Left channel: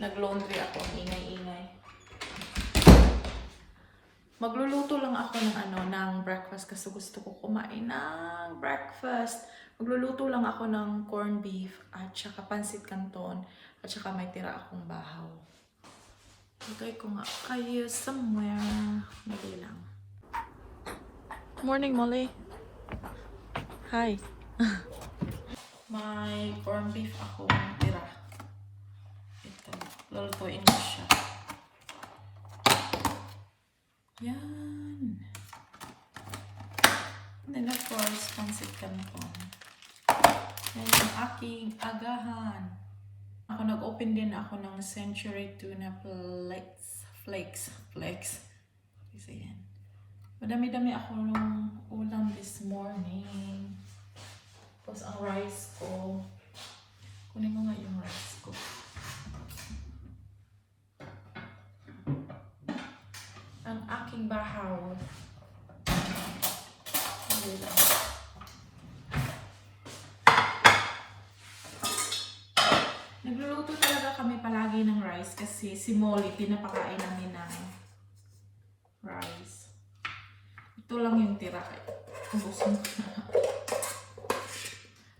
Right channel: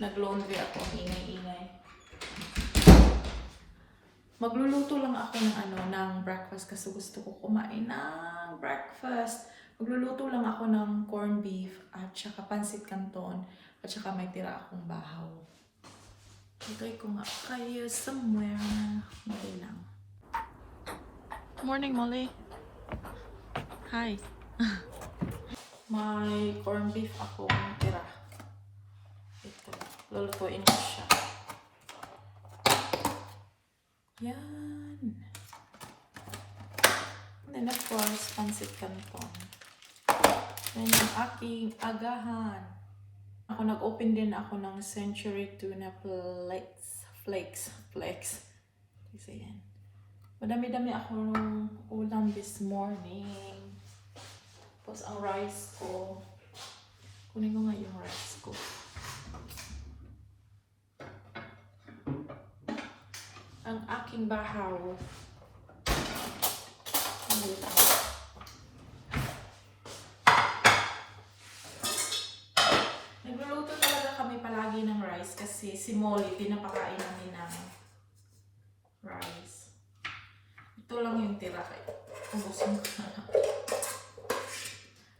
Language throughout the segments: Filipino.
Nag-laundry ako, ang ingay-ingay. Magluluto lang ako ng breakfast kasi gusto ko kumain ng breakfast. Magluluto lang ako ng corned beef at saka pansit canton at saka may tira akong bahaw. Lagay ko nga kayo somewhere. Madali lang. Morning, Molly. Hi. May corned beef akong tira. Ito. Lulutuin ko siya. Yan. And then of course, pansit canton. Yan yung aking agahan. Ako nag-open din ako ng Century Tuna Flakes. Isa yan. Madami-dami ako ng ulam this morning. Tapos ang rice ko. Kunin ko nga yung rice ko. Ang aking bahaw. Nagluluto talaga kami palagi ng rice kasi si Molly pinapakain namin ng rice. Ito lang yung tira. Ubusin ko na.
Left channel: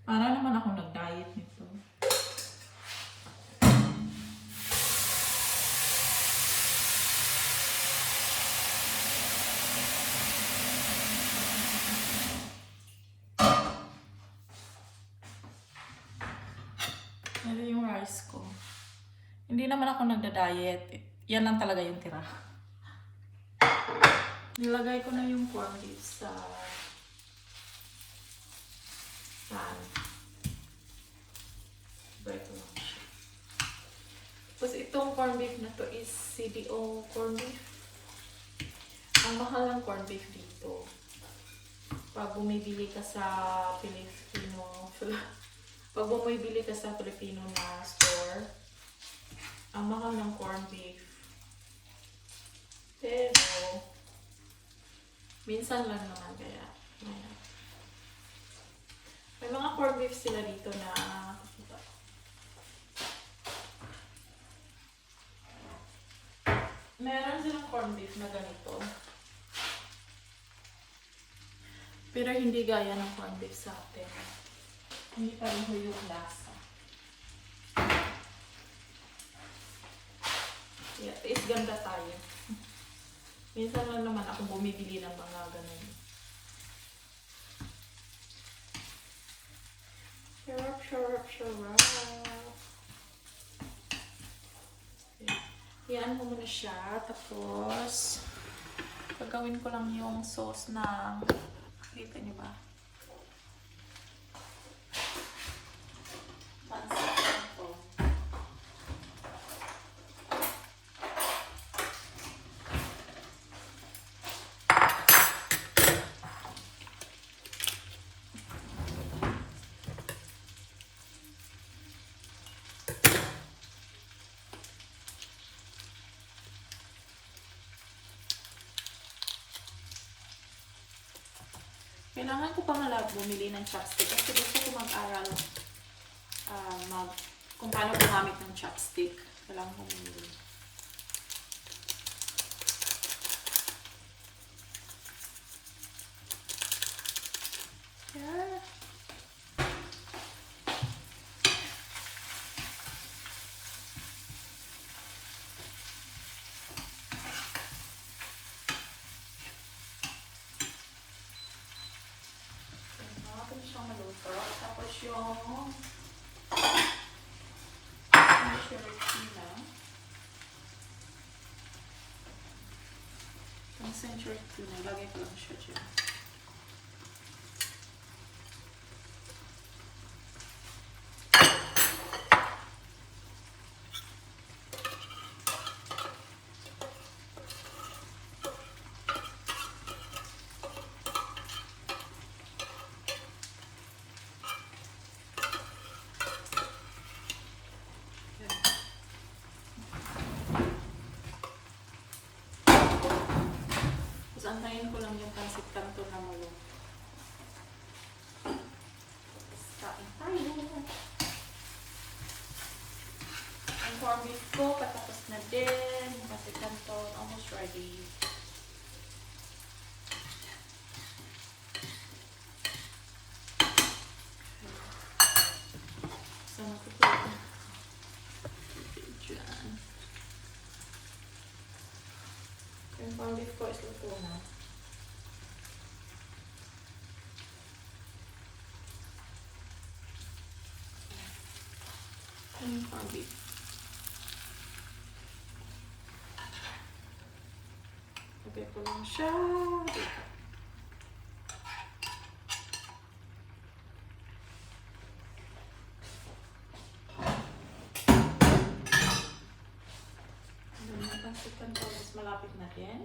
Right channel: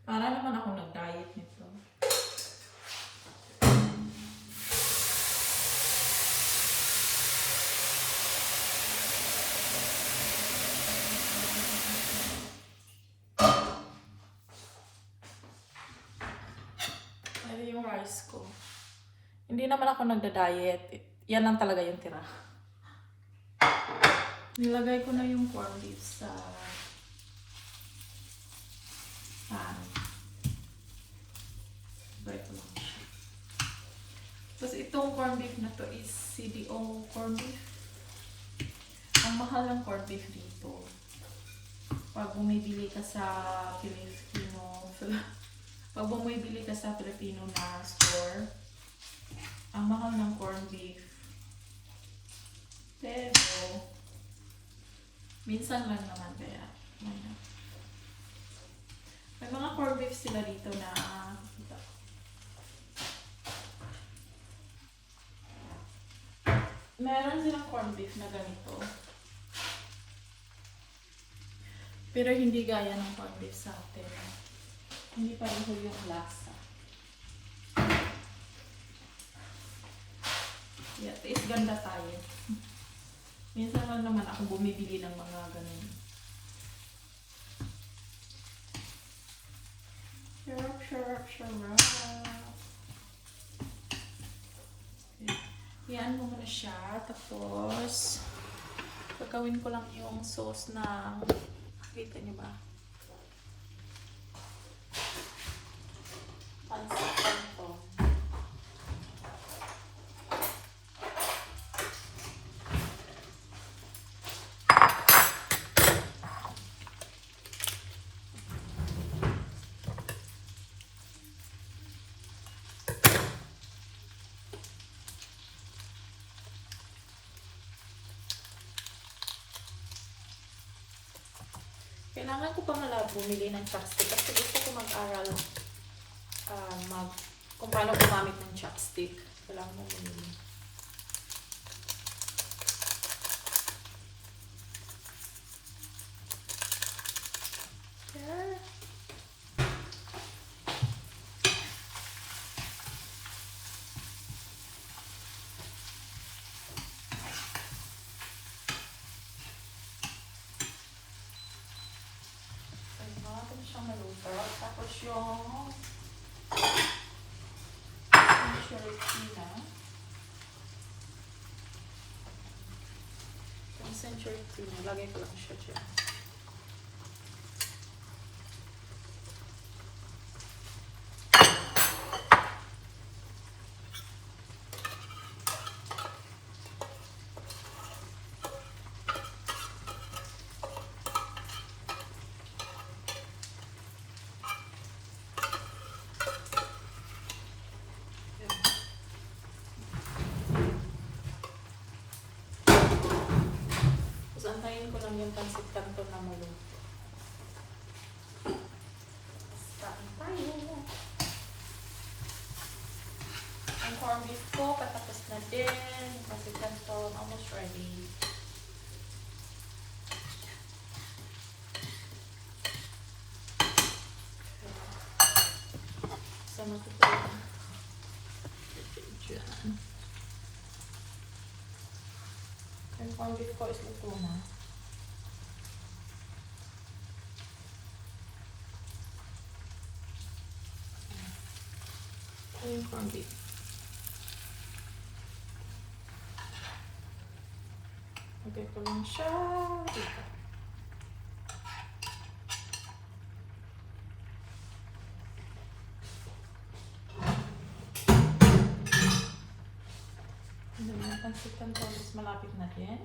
Para naman ako nag-diet nito. Ito yung rice ko. Hindi naman ako nagda-diet. Yan lang talaga yung tira. Nilagay ko na yung corned beef sa pan. Ito lang. Tapos itong corned beef na to is CDO corned beef. Ang mahal ng corned beef dito. Pag bumibili ka sa Filipino na store, ang mahal ng corned beef. Pero minsan lang naman kaya. May mga corned beef sila dito na ito. Meron silang corned beef na ganito. Pero hindi gaya ng corned beef sa atin. Hindi pareho yung lasa. Yeah, is ganda tayo. Minsan lang naman ako bumibili ng mga ganun. Sarap. Iyan ko muna siya. Tapos, gagawin ko lang yung sauce na, kita niyo ba? Pansit canton. Kailangan ko pa bumili ng chopstick kasi gusto ko mag-aral kung paano gumamit ng chopstick. Kailangan ko bumili. Yeah. Siyang maluto. Tapos yung Century Tuna. Yung Century Tuna, lagay ko lang siya dyan. Antayin ko lang yung pansit canton na maluto. Kain tayo. Ang corned beef ko, Then, pancit canton, almost ready. Sama ko po. Diyan. Yung pang-beef ko is luto na. Yung pang-beef. Okay ko lang siya dito. Pancit canton is malapit na din.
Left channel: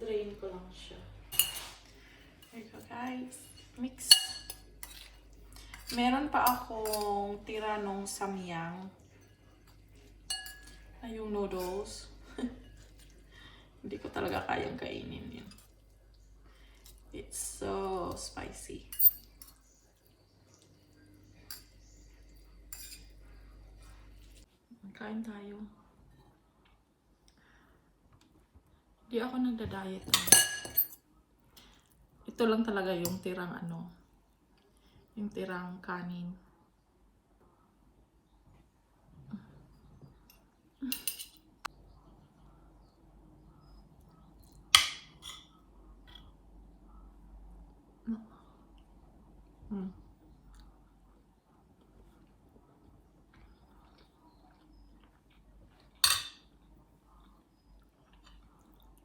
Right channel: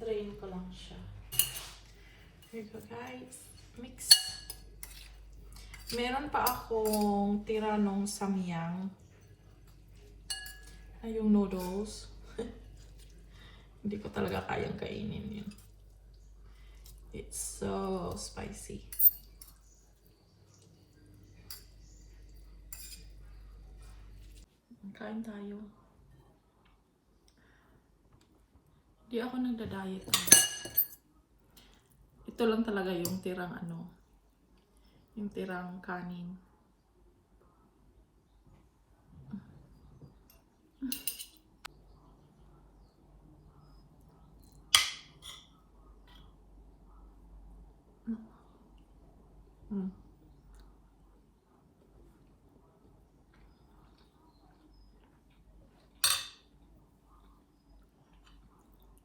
Drain ko lang siya. Here you go guys. Mix. Meron pa akong tira nung samyang. Ay, yung noodles. Hindi ko talaga kayang kainin yun. It's so spicy. Kain tayo. Di ako nagda-diet. Ito lang talaga yung tirang yung tirang kanin.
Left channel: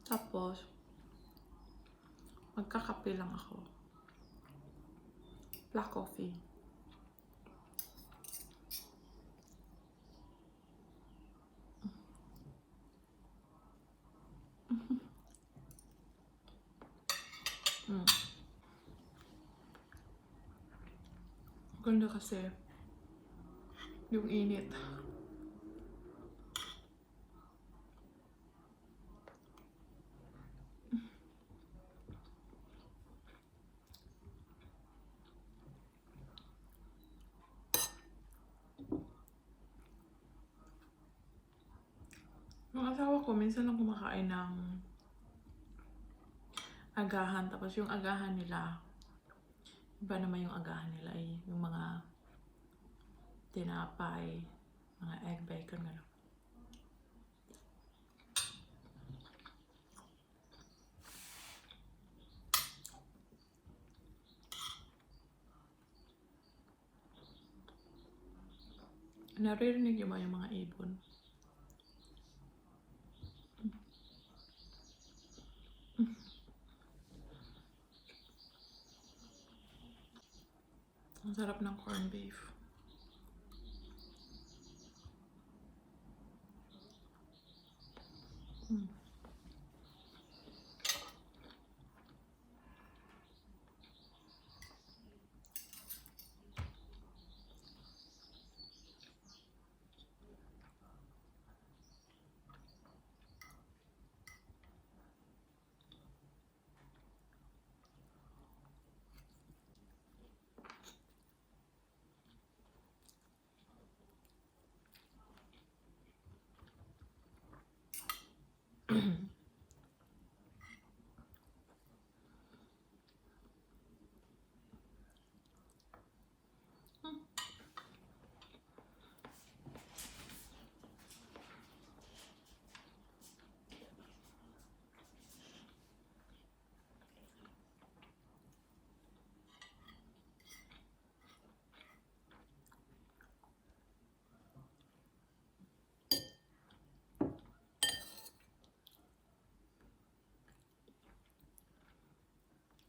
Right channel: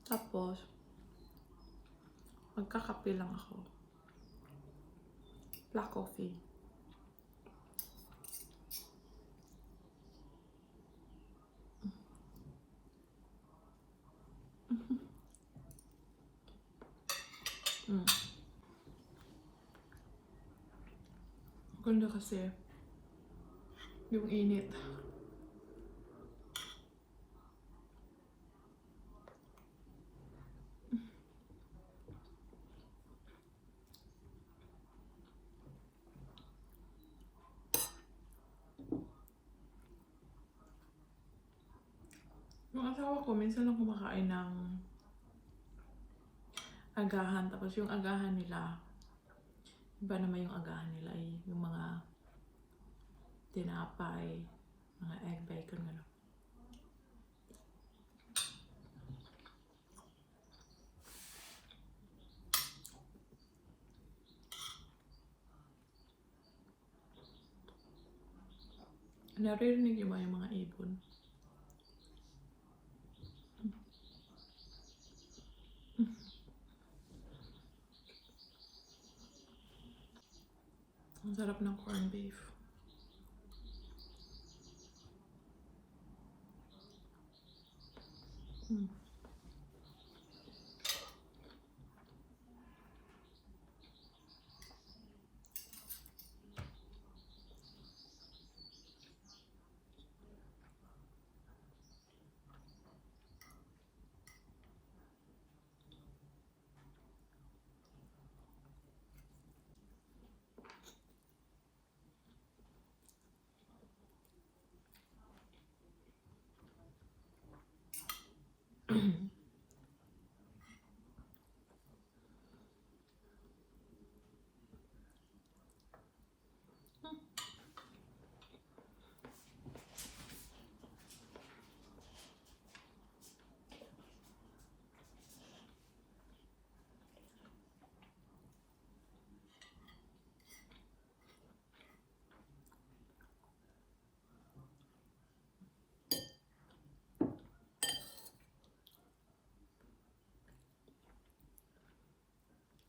Tapos, magkakape lang ako. Black coffee. Ganda kasi yung init. Yung asawa ko, minsan lang kumakain ng agahan. Tapos yung agahan nila, iba naman yung agahan nila eh. Yung mga tinapay, mga egg bacon, gano'n. Naririnig niyo ba yung mga ibon? Ang sarap ng corned beef.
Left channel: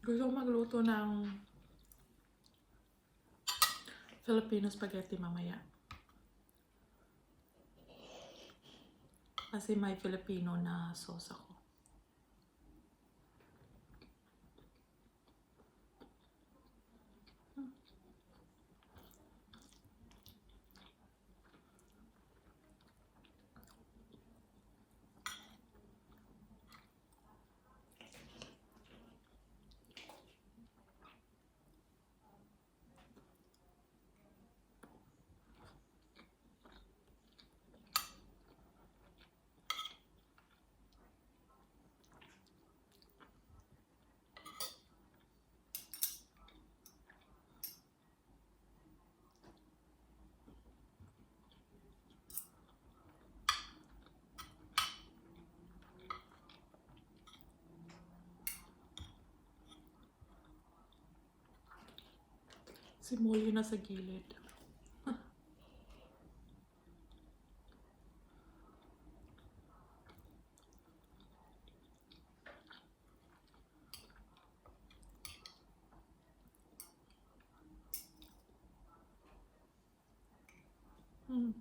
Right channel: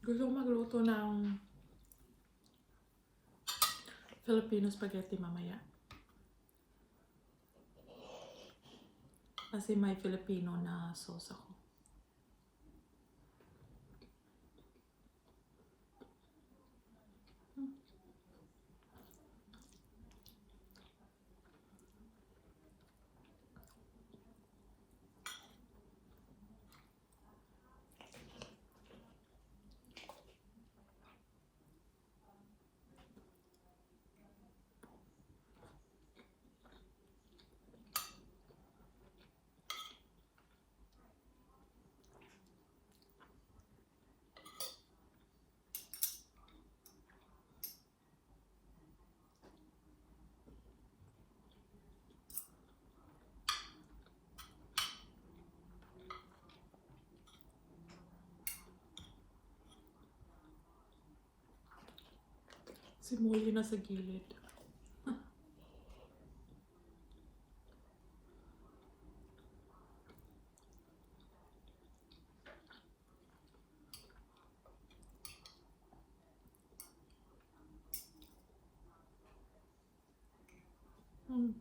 Gusto ko magluto ng Filipino spaghetti mamaya. Kasi may Filipino na sauce ako. Si Molly na sa gilid. Mm.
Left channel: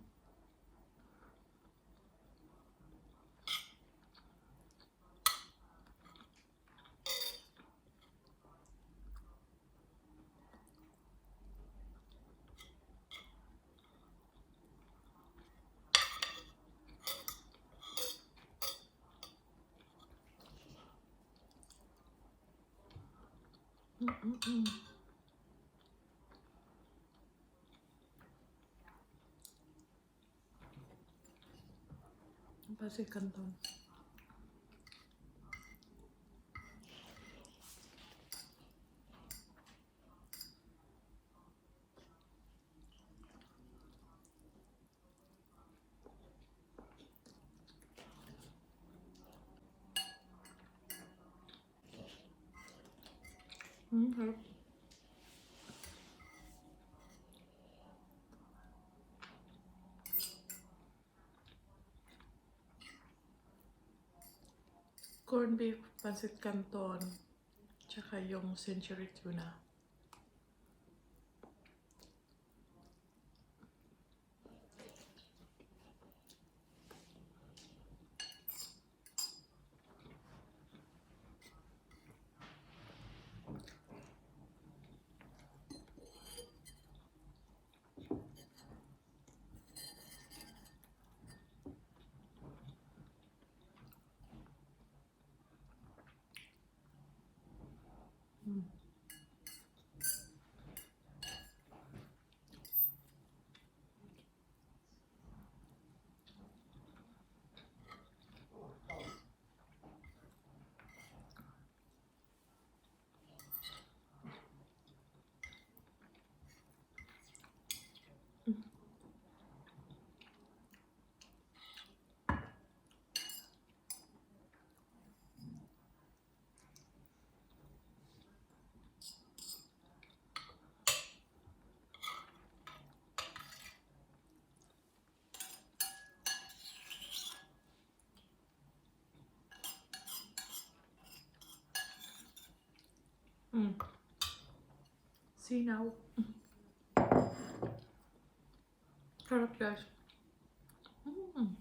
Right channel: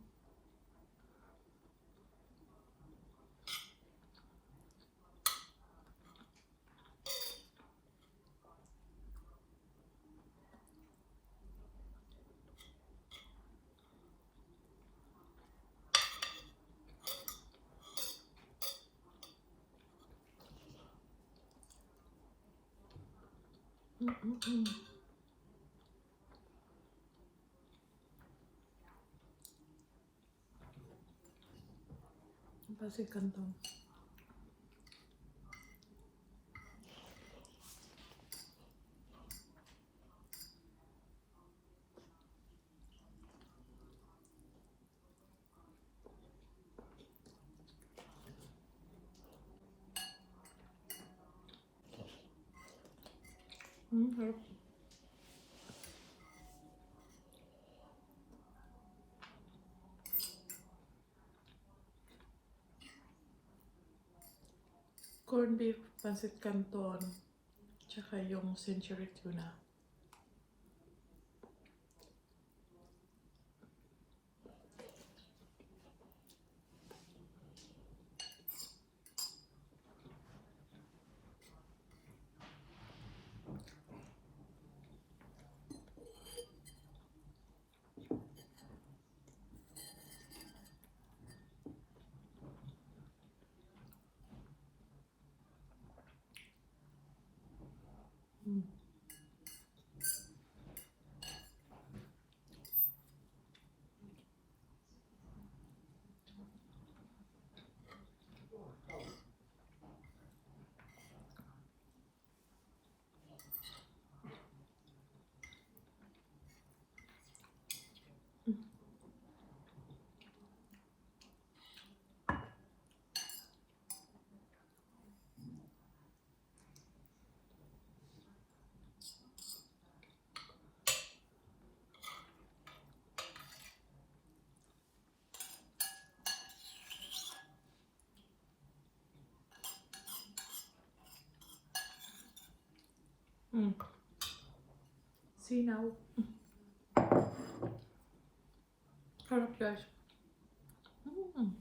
Mm-mm-mm. Pasig Canton. Harap. Corned beef, pancit canton, tsaka yung century tuna. Mm. Mm. Sinaw. Harap guys. Mm.